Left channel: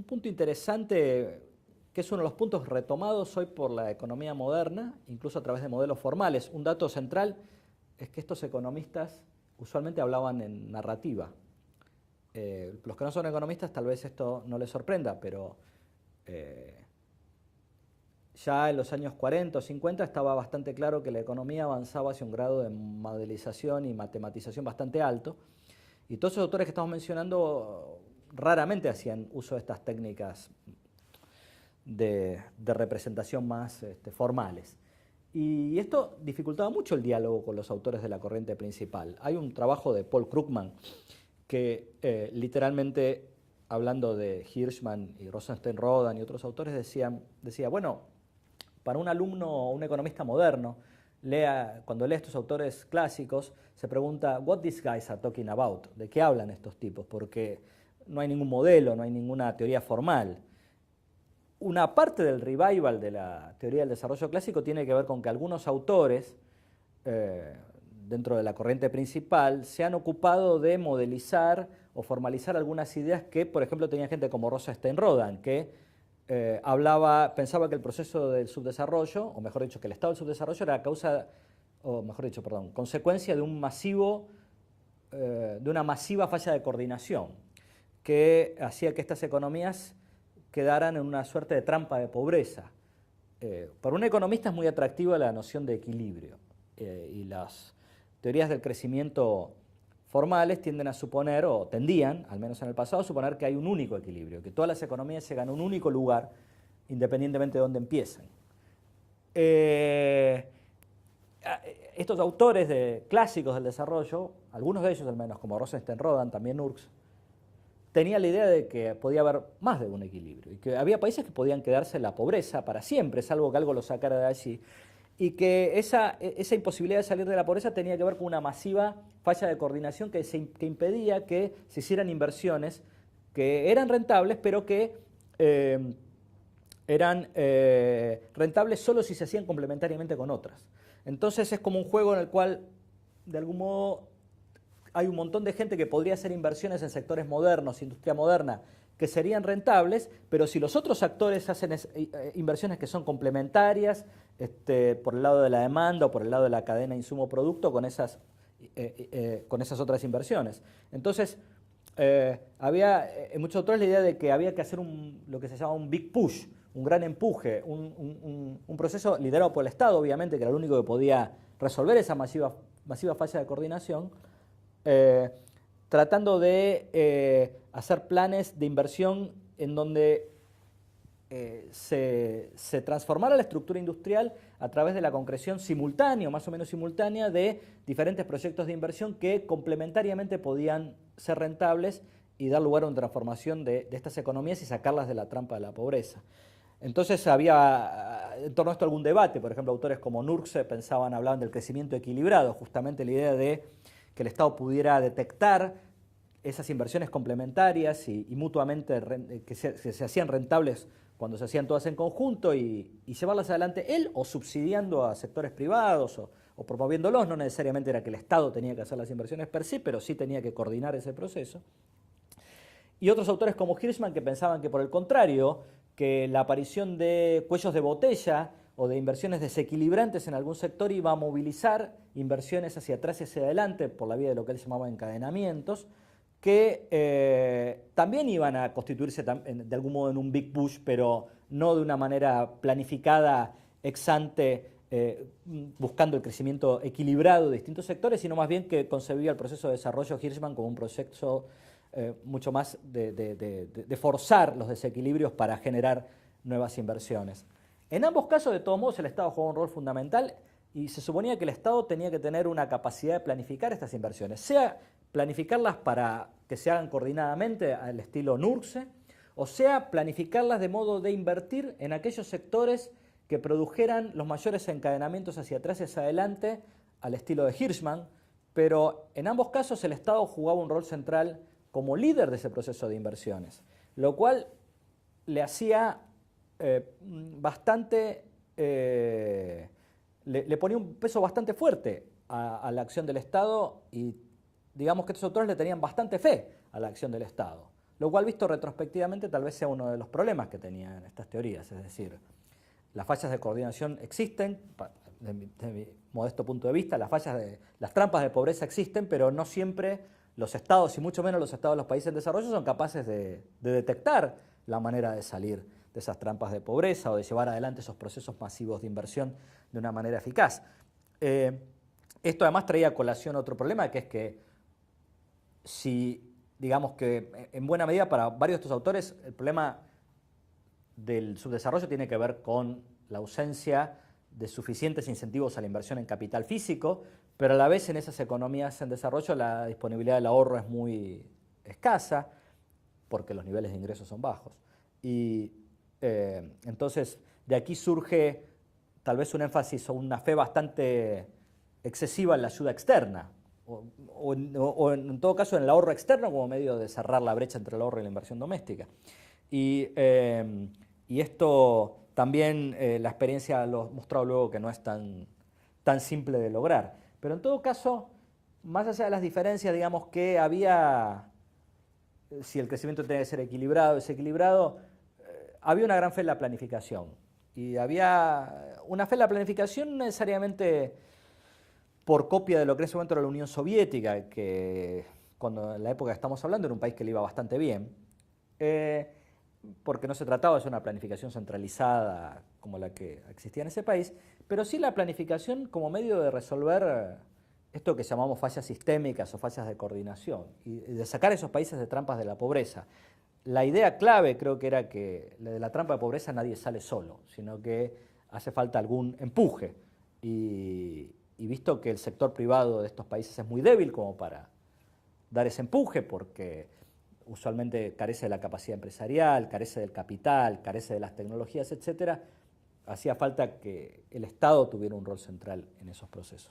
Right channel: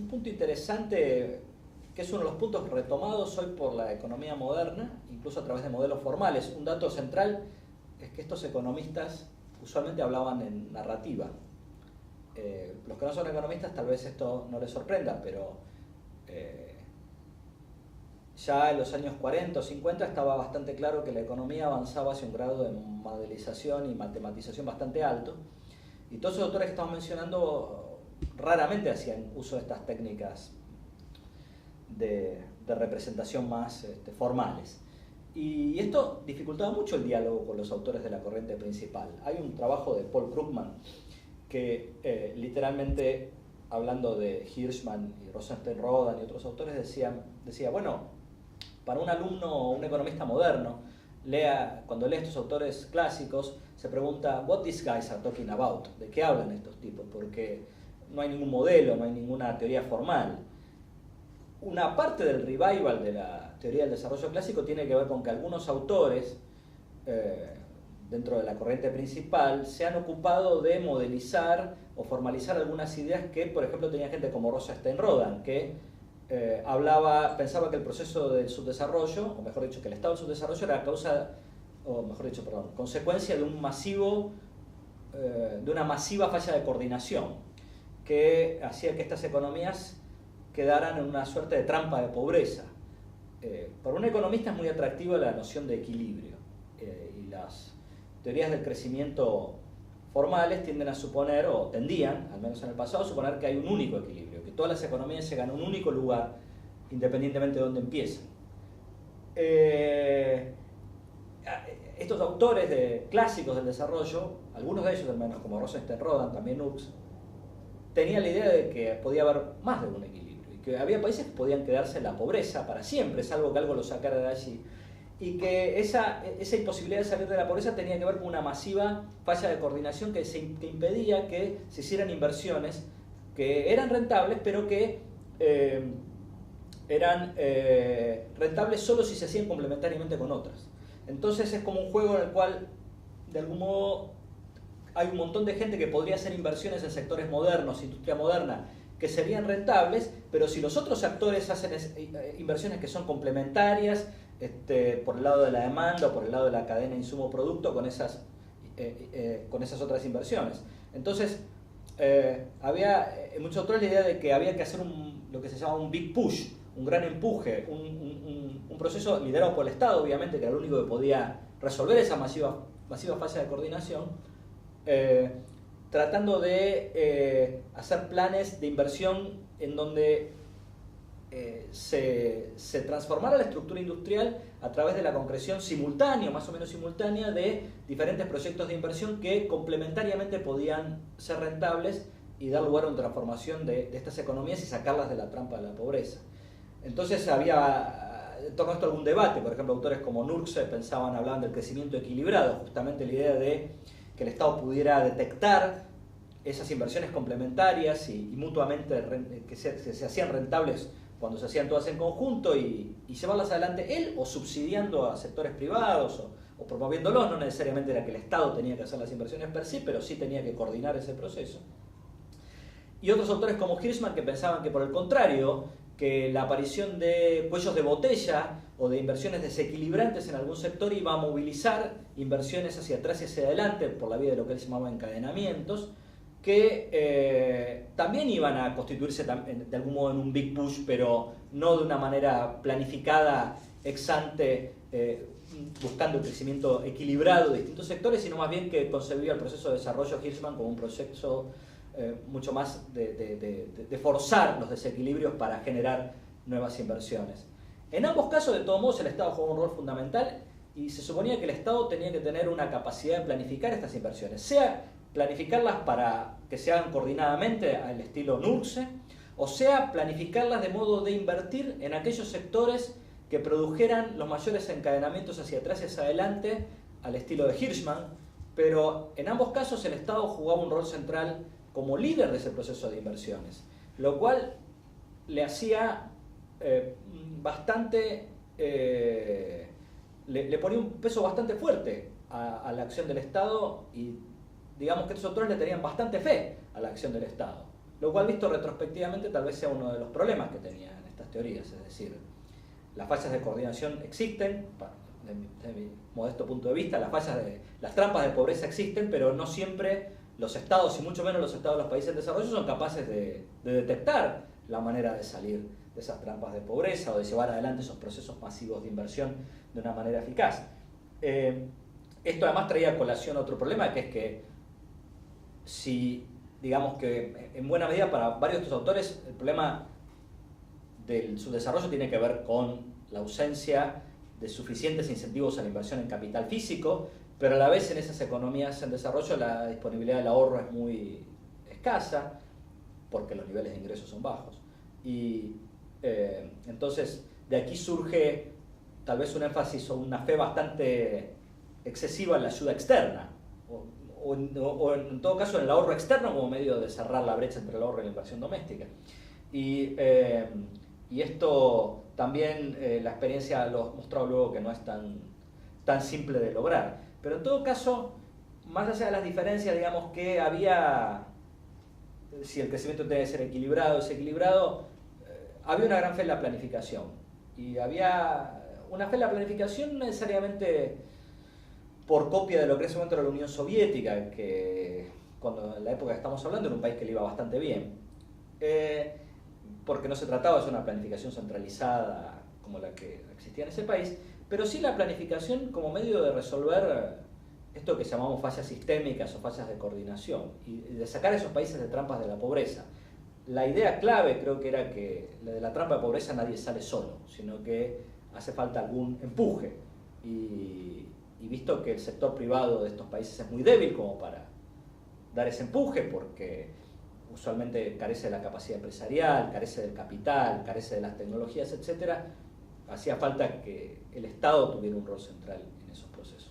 un punto interesante, que es uno de los puntos retomados hoy por la economía moderna, incluso a través de modelos formales. Un dato central es que estos economistas usualmente hablaban en narrativa. Los que no son economistas tal vez esto no les sorprenda, pero ya en los años 40 o 50 estaba bastante claro que la economía avanzaba hacia un grado de modelización y matematización bastante alto, y todos esos autores que estamos mencionando raramente hacían uso de estas técnicas de representación más formales. Y esto dificultaba mucho el diálogo con los autores de la corriente principal. Hay un trabajo de Paul Krugman que literalmente, hablando de Hirschman y Rosenstein-Rodan y otros autores, decía, bueno, para un alumno o un economista moderno, cuando lee estos autores clásicos, se pregunta, what these guys are talking about? ¿De qué hablan estos tipos? Porque no hay ningún modelo, no hay ninguna teoría formal. Una parte del revival de la teoría del desarrollo clásico tiene que ver con que algunos autores dentro de la corriente principal se han ocupado de modelizar o formalizar algunas ideas que, por ejemplo, tenía gente como Rosenstein-Rodan, que pensaba que el proceso del subdesarrollo, o mejor dicho, que el estado del subdesarrollo era consecuencia de de una masiva falla de coordinación que hacía que estas economías quedaran en una suerte de trampa de pobreza. Para un economista es muy atractiva la noción de equilibrio, y las teorías del crecimiento formales tienden a suponer, o tendían, al menos en el pasado, a suponer que hay un único equilibrio, que todas las economías llegan a un único lugar, independientemente de dónde empiecen. Estos autores clásicos del desarrollo, algunos de ellos al menos, como Rosenstein-Rodan, también Hooks, tenían la idea de que podía haber más de un equilibrio, y que había países que podían quedarse en la pobreza para siempre, salvo que algo los sacara de allí, y que esa imposibilidad de salir de la pobreza tenía que ver con una masiva falla de coordinación que impedía que se hicieran inversiones que eran rentables, pero que eran rentables solo si se hacían complementariamente con otras. Entonces es como un juego en el cual, de algún modo, hay un montón de gente que podría hacer inversiones en sectores modernos, industria moderna, que serían rentables, pero si los otros actores hacen inversiones que son complementarias, por el lado de la demanda o por el lado de la cadena insumo-producto, con esas otras inversiones. Entonces, había en muchos otros la idea de que había que hacer lo que se llama un big push, un gran empuje, un proceso liderado por el Estado, obviamente, que era el único que podía resolver esa masiva falla de coordinación, tratando de hacer planes de inversión en donde se transformara la estructura industrial a través de la concreción simultánea, más o menos simultánea, de diferentes proyectos de inversión que complementariamente podían ser rentables y dar lugar a una transformación de estas economías y sacarlas de la trampa de la pobreza. Entonces había en torno a esto algún debate. Por ejemplo, autores como Nurse hablaban del crecimiento equilibrado, justamente la idea de que el Estado pudiera detectar esas inversiones complementarias y mutuamente que se hacían rentables cuando se hacían todas en conjunto y llevarlas adelante él, o subsidiando a sectores privados o promoviéndolos. No necesariamente era que el Estado tenía que hacer las inversiones per se, pero sí tenía que coordinar ese proceso. Y otros autores como Hirschman, que pensaban que, por el contrario, que la aparición de cuellos de botella o de inversiones desequilibrantes en algún sector iba a movilizar inversiones hacia atrás y hacia adelante por la vía de lo que él llamaba encadenamientos, que también iban a constituirse de algún modo en un big push, pero no de una manera planificada ex ante, buscando el crecimiento equilibrado de distintos sectores, sino más bien que concebía el proceso de desarrollo Hirschman como un proceso mucho más de forzar los desequilibrios para generar nuevas inversiones. En ambos casos, de todos modos, el Estado jugaba un rol fundamental y se suponía que el Estado tenía que tener una capacidad de planificar estas inversiones, sea planificarlas para que se hagan coordinadamente al estilo Nurse, o sea planificarlas de modo de invertir en aquellos sectores que produjeran los mayores encadenamientos hacia atrás y hacia adelante al estilo de Hirschman, pero en ambos casos el Estado jugaba un rol central como líder de ese proceso de inversiones, lo cual le hacía le ponía un peso bastante fuerte a la acción del Estado, y digamos que estos autores le tenían bastante fe a la acción del Estado. lo cual visto retrospectivamente tal vez sea uno de los problemas que tenían estas teorías, es decir, las fallas de coordinación existen, de mi modesto punto de vista, las trampas de pobreza existen, pero no siempre los estados, y mucho menos los estados de los países en desarrollo, son capaces de detectar la manera de salir de esas trampas de pobreza o de llevar adelante esos procesos masivos de inversión de una manera eficaz. Esto además traía a colación otro problema, que es que si, digamos que en buena medida para varios de estos autores, el problema del subdesarrollo tiene que ver con la ausencia de suficientes incentivos a la inversión en capital físico, pero a la vez en esas economías en desarrollo la disponibilidad del ahorro es muy escasa porque los niveles de ingresos son bajos. Y entonces de aquí surge tal vez un énfasis o una fe bastante excesiva en la ayuda externa, o en todo caso en el ahorro externo como medio de cerrar la brecha entre el ahorro y la inversión doméstica. Y esto también la experiencia lo ha mostrado luego que no es tan simple de lograr. Pero en todo caso, más allá de las diferencias, digamos que había, si el crecimiento tiene que ser equilibrado, desequilibrado, había una gran fe en la planificación. Y había una fe en la planificación no necesariamente por copia de lo que en ese momento era la Unión Soviética, que cuando en la época que estamos hablando era un país que le iba bastante bien, porque no se trataba de una planificación centralizada como la que existía en ese país, pero sí la planificación como medio de resolver esto que llamamos fallas sistémicas o fallas de coordinación y de sacar a esos países de trampas de la pobreza. La idea clave creo que era que de la trampa de pobreza nadie sale solo, sino que hace falta algún empuje. Y visto que el sector privado de estos países es muy débil como para dar ese empuje, porque usualmente carece de la capacidad empresarial, carece del capital, carece de las tecnologías, etc., hacía falta que el Estado tuviera un rol central en esos procesos.